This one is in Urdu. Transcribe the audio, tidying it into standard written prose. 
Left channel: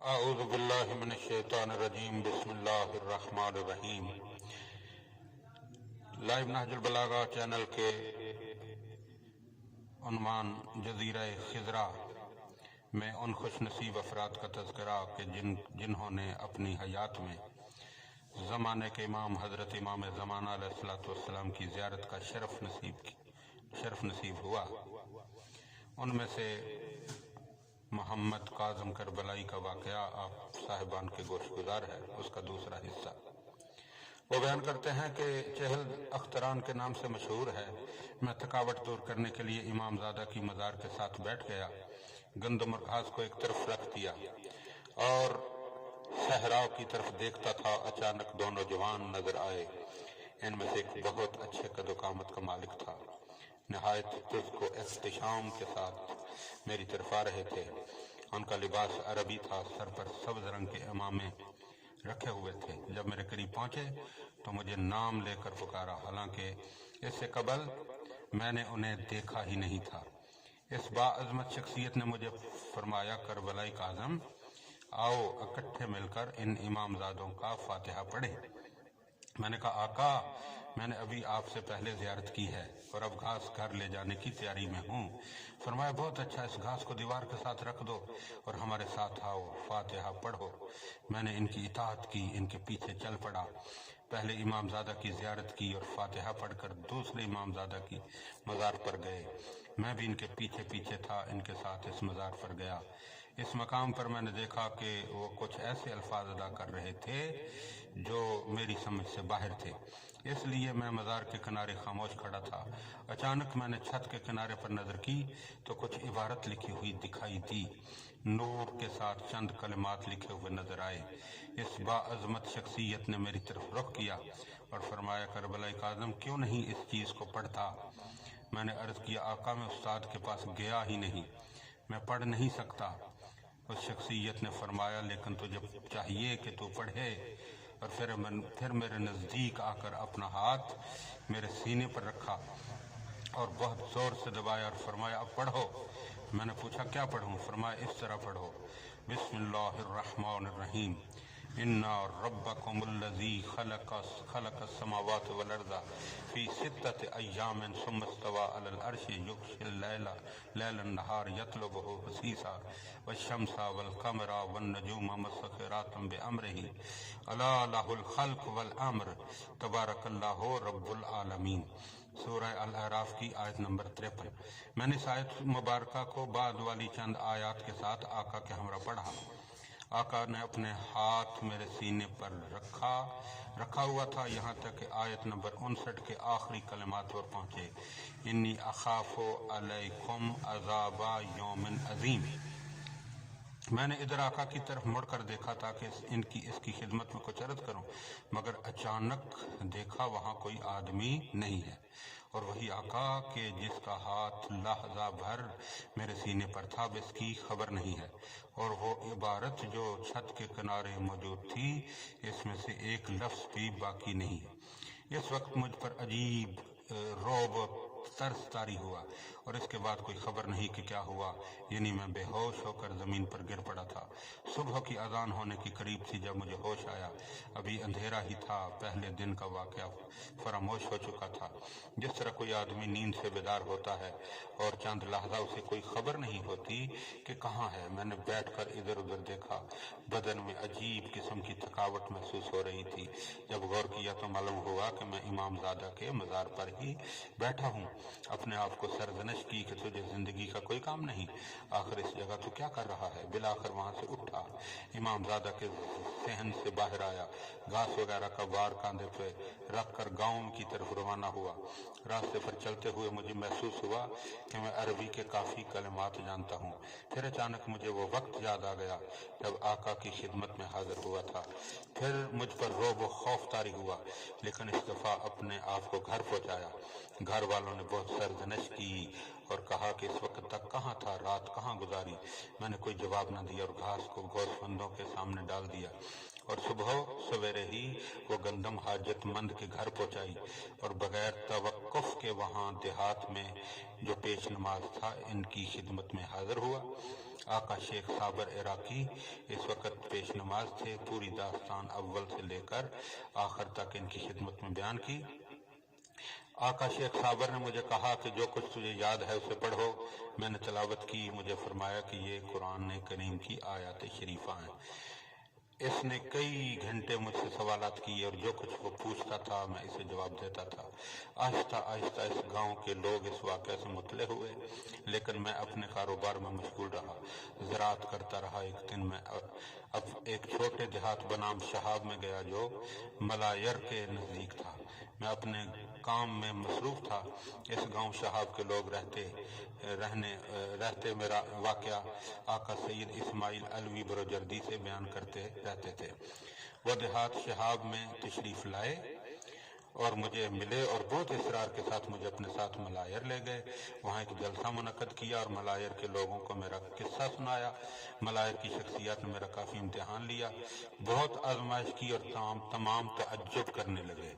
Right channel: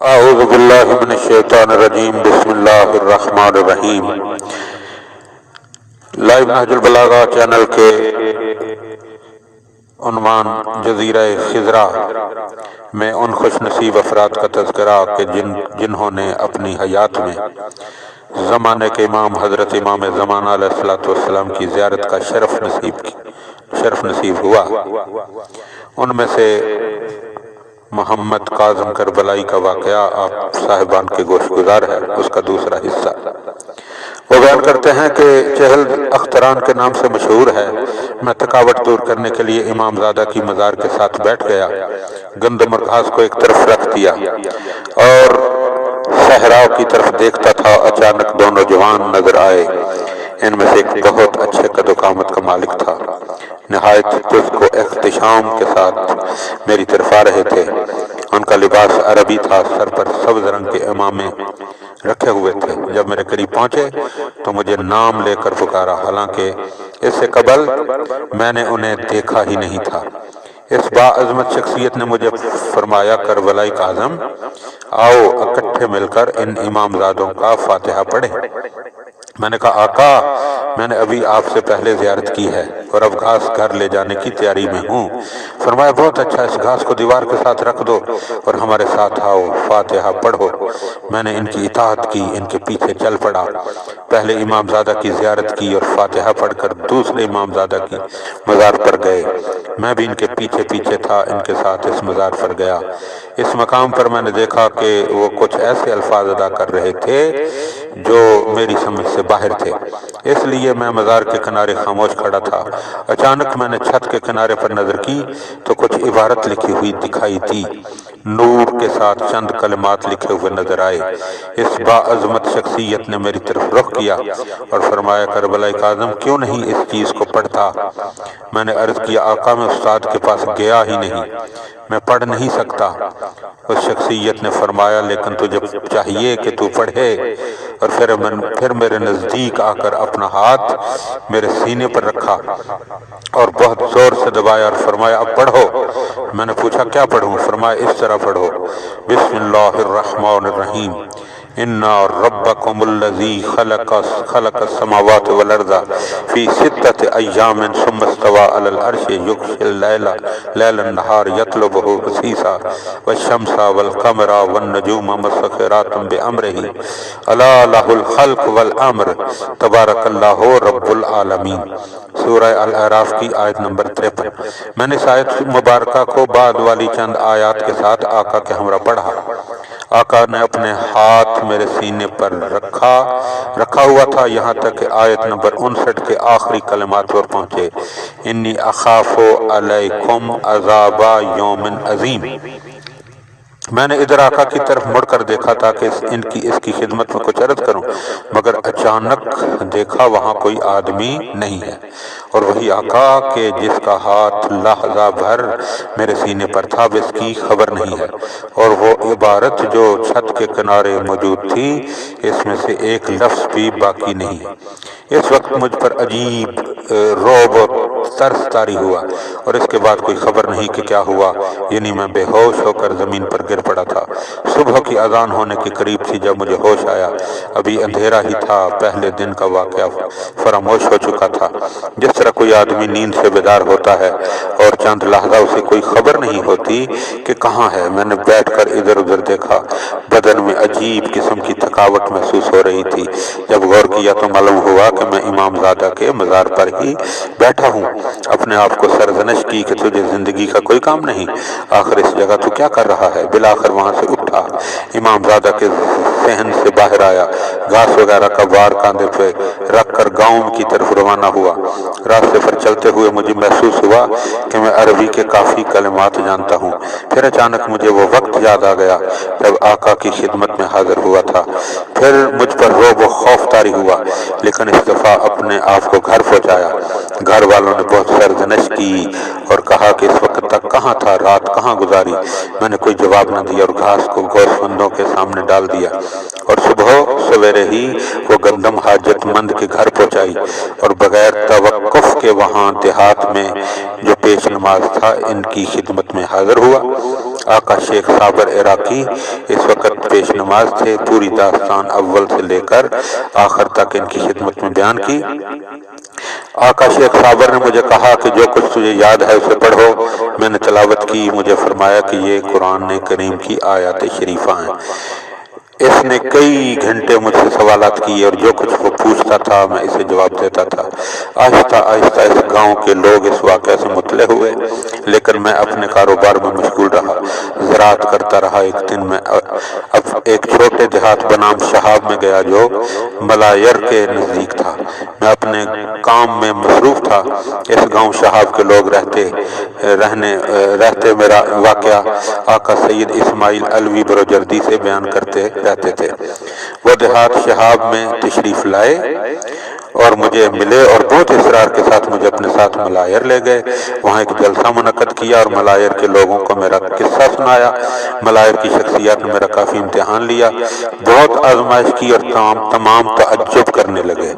اعوذ باللہ من الشیطان الرجیم بسم اللہ الرحمن الرحیم۔ لائیو نہج البلاغہ چینل کے عنوان جزیرہ خضرا میں ان خوش نصیب افراد کا تذکرہ کہ جنہوں نے اپنی حیات میں زمانے کے امام حضرت امام زمانہ علیہ السلام کی زیارت کا شرف نصیب ہوا۔ ان میں سے محمد کاظم کربلائی کا واقعہ آپ صاحبان کے گوش گزار ہے۔ اس کا دوسرا حصہ وہ بیان کرتے ہیں کہ چہل اختران کے نام سے مشہور ہے۔ میں تھکاوٹ دور کرنے کے لیے امام زادہ کی مزار کے ساتھ بیٹھ گیا، گندم اور گھاس کو ایک طرف رکھ دیا اور صحراء کی طرف دیکھتا تھا۔ اچانک دو نوجوان نظر آئے۔ ان میں سے ایک بہت اچھے قد و قامت کا مالک تھا، نہایت چست و احتشام کے ساتھ میری طرف آ رہے تھے۔ ان کا لباس عربی تھا، سر پر سبز رنگ کے عمامے رکھے ہوئے تھے۔ جب میرے قریب پہنچے تو مجھے نام لے کر پکارا، حالانکہ اس سے قبل میں نے انہیں دیکھا ہی نہیں تھا۔ اس باعظمت شخصیت نے مجھے فرمایا، کربلائی کاظم، آؤ اکٹھے مل کر ان امام زادوں کا فاتحہ پڑھیں۔ میں نے کہا، آقا، میں نے ابھی آپ سے پہلے زیارت کی ہے اور اب گھاس گھر لے جانے کی تیاری میں ہوں۔ فرمایا، بہت اچھا، اس گھاس کو دیوار کے ساتھ رکھ دو اور ہمارے ساتھ آؤ، فاتحہ پڑھو۔ میں نے ان کی اطاعت کی، ان کے پیچھے چل پڑا۔ پہلے امام زادہ کی زیارت کی اور فاتحہ پڑھ کر دوسرے امام زادہ کی مزار پر گئے۔ میں بھی ان کے پیچھے پیچھے تھا، ان کے ساتھ اس مزار پر گیا۔ اس مقام پر میں نے دیکھا کہ وہ کچھ ایسے الفاظ ادا کر رہے تھے جو میری سمجھ سے باہر تھے، اس لیے میں مزار کے کنارے خاموش کھڑا تھا۔ اچانک میں نے چھت کے کنارے پر نظر کی تو کچھ عبارت لکھی ہوئی دکھائی دی۔ نور کے ساتھ چند کلمات لکھے ہوئے نظر آئے۔ اس باعظمت شخصیت نے میری طرف رخ کیا اور فرمایا، کربلائی کاظم، کیوں نہیں اس چیز کو پڑھتا؟ میں نے عرض کیا، آقا، میں استاد کے پاس گیا ہی نہیں، میں پڑھ نہیں سکتا۔ اس شخصیت نے فرمایا، لیکن تجھے چاہیے کہ تو پڑھے۔ اور پھر میرے نزدیک آ کر اپنا ہاتھ میرے سینے پر رکھا اور بہت زور سے دبایا اور فرمایا، اب پڑھو۔ میں نے پوچھا، کیا پڑھوں؟ فرمایا، اس طرح پڑھو، بسم اللہ الرحمن الرحیم، اِنَّا رَبَّكُمُ الَّذِي خَلَقَ السَّمَاوَاتِ وَالْأَرْضَ فِي سِتَّةِ أَيَّامٍ ثُمَّ اسْتَوَىٰ عَلَى الْعَرْشِ يُغْشِي اللَّيْلَ النَّهَارَ يَطْلُبُهُ حَثِيثًا وَالشَّمْسَ وَالْقَمَرَ وَالنُّجُومَ مُسَخِّرَاتٍ بِأَمْرِهِ أَلَا لَهُ الْخَلْقُ وَالْأَمْرُ تَبَارَكَ اللَّهُ رَبُّ الْعَالَمِينَ۔ سورہ الاعراف کی آیت نمبر 53۔ میں نے اس آیت مبارکہ کو بعد والی چند آیات کے ساتھ آقا کے ہمراہ پڑھا۔ آقا نے اپنے ہاتھ میرے سینے پر رکھا ہوا تھا، یہاں تک کہ آیت نمبر 59 کے آخری کلمات پر پہنچے، انی اخاف علیکم عذاب یوم عظیم۔ میں نے ادھر آقا کی طرف مڑ کر دیکھا تاکہ اس کی خدمت میں کچھ عرض کروں، مگر اچانک دیکھا وہاں کوئی آدمی نہیں ہے، اور وہی آقا کہ جس کا ہاتھ لحظہ بھر میرے سینے پر تھا، اس کی خبر نہیں ہے، اور وہ عبارت جو چھت کے کنارے موجود تھی، اس میں سے ایک لفظ بھی باقی نہیں ہے۔ اس وقت مجھ پر عجیب رعب اور ترس طاری ہوا، اور اس کے بعد کوئی خبر نہیں کہ کیا ہوا، یعنی میں بے ہوش ہو کر زمین پر گر پڑا تھا۔ صبح کی اذان ہونے کے قریب تھی جب مجھے ہوش آیا۔ ابھی اندھیرا ہی تھا، پہلے دن کا واقعہ فراموش ہو چکا تھا۔ جس طرح کوئی آدمی نیند سے بیدار ہوتا ہے اور چند لحظہ اسے کوئی خبر نہیں ہوتی کہ کہاں ہے، میں نے بیٹھ کر ادھر ادھر دیکھا۔ بدن میں عجیب قسم کی تھکاوٹ محسوس ہو رہی تھی۔ جب غور کیا تو معلوم ہوا کہ میں امام زادہ کے مزار پر ہی بیٹھا ہوں۔ اپنے آپ کو سرزنش کی کہ تجھے زندگی کا کوئی کام نہیں، آخر اس جگہ تو کیا کر رہا ہے؟ بالآخر وہاں سے اٹھا، امام زادہ کے صحن سے باہر آیا، گھاس وغیرہ کا بار کاندھے پہ رکھ کر گاؤں کی طرف روانہ ہوا۔ راستے پر چلتے ہوئے مجھے محسوس ہوا کہ میں عربی کے کافی کلمات جانتا ہوں۔ پھر اچانک مجھے وہ وقت یاد آ گیا جب آقا کی خدمت میں حاضر ہوا تھا۔ پھر مجھ پر رعب و خوف طاری ہوا، لیکن اس دفعہ اپنے آپ کو گھر پہنچایا۔ گھر والوں نے بہت سرزنش کی اور کہا کہ اس وقت تک کہاں تھا، رات کہاں گزاری؟ میں نے کوئی جواب نہ دیا اور گھاس کو گوشت بندوں کے سامنے ڈال دیا، اور صبح سویرے ہی وہ گندم حاجت مند کے گھر پہنچائی، اور بغیر توقف کے وہاں دیہات میں جو پیش نماز تھا ان کی خدمت میں حاضر ہوا۔ آقا شیخ صابر عراقی اس وقت پیش نماز تھے۔ پوری داستان اول سے لے کر آخر تک ان کی خدمت میں بیان کی۔ آقا شیخ صابر نے مجھے کہا کہ جو کچھ تجھے یاد ہے اسے پڑھو۔ میں نے تلاوت کی، مجھے فرمایا کہ یہ قرآن کریم کی آیات شریفہ ہیں۔ اس نے کئی گھنٹے مجھ سے سوالات کیے اور جو کچھ وہ پوچھتا تھا میں اسے جواب دیتا تھا۔ آہستہ آہستہ اس گاؤں کے لوگ اس واقعے سے مطلع ہوئے، لیکن میں اپنے کاروبار میں مشغول رہا، زراعت کرتا رہا۔ ایک دن میں اب ایک چھوٹے دیہات بنام شہاب میں گیا جو ملایر کے نزدیک تھا۔ میں اپنے کام میں مصروف تھا۔ اس گاؤں شہاب کے لوگ رہتے میرا واقعہ آقا سید اسماعیل علوی بروجردی سے بیان کرتے رہتے تھے۔ وہ دیہات شہاب میں تشریف لائے اور مجھے ملے اور بہت اصرار کے ساتھ مجھے اپنے ساتھ ملایر لے گئے۔ وہاں ایک جلسہ منعقد کیا اور ملایر کے لوگوں کو میرا قصہ سنایا۔ ملایر کی شخصیات نے میرا کافی امتحان لیا، بہت آزمائش کی اور تمام تعجب کرنے لگے۔